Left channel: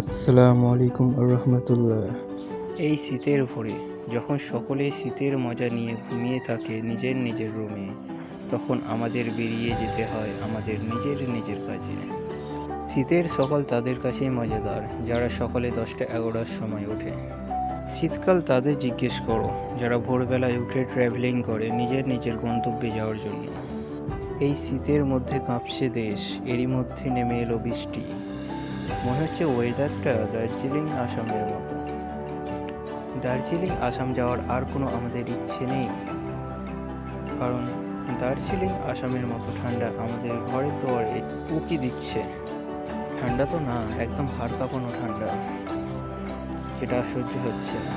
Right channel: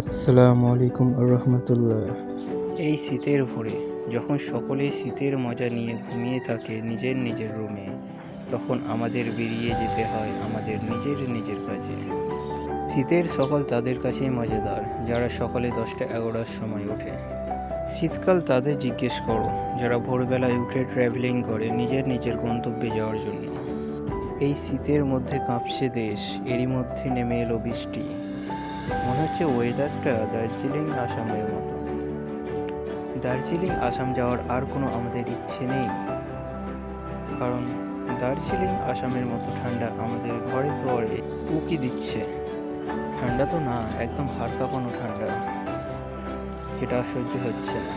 আসসালামু আলাইকুম রহমতুল্লাহ। এই শীতের ভোরে যখন সকলে শীতের মজা নিয়ে ঘুমিয়ে থাকে নিজের নিজের রুমে, তখন আমাদের বেরিয়ে যেতে হয় আমাদের নিজের নিজের কাজে। শীতের সকাল তাদের কাছেই মজাদার যারা সকালে 10টা-11টার সময় ওঠে। শীতকাল তাদের জিজ্ঞেস করো যারা ভোরবেলায় উঠে ট্র্যাভেলিং করে নিজের নিজের গন্তব্যে যাওয়ার জন্য। এই শীতের মধ্যে কাঁপছে দেশ, এরই মধ্যে নেমে এলো বৃষ্টি। মনে হচ্ছে ওয়েদারটা দার্জিলিং আসামের মতো। দার্জিলিং আসাম যাওয়ার আর কোনো আমাদের ইচ্ছে নেই, কারণ দার্জিলিং আসামের মতো ঠান্ডা আমাদের ঘরের দুয়ারে উকি দিচ্ছে। ঠান্ডা তো না, একদম হাড় কাঁপানো ঠান্ডা, যেটা সহ্য হচ্ছে না।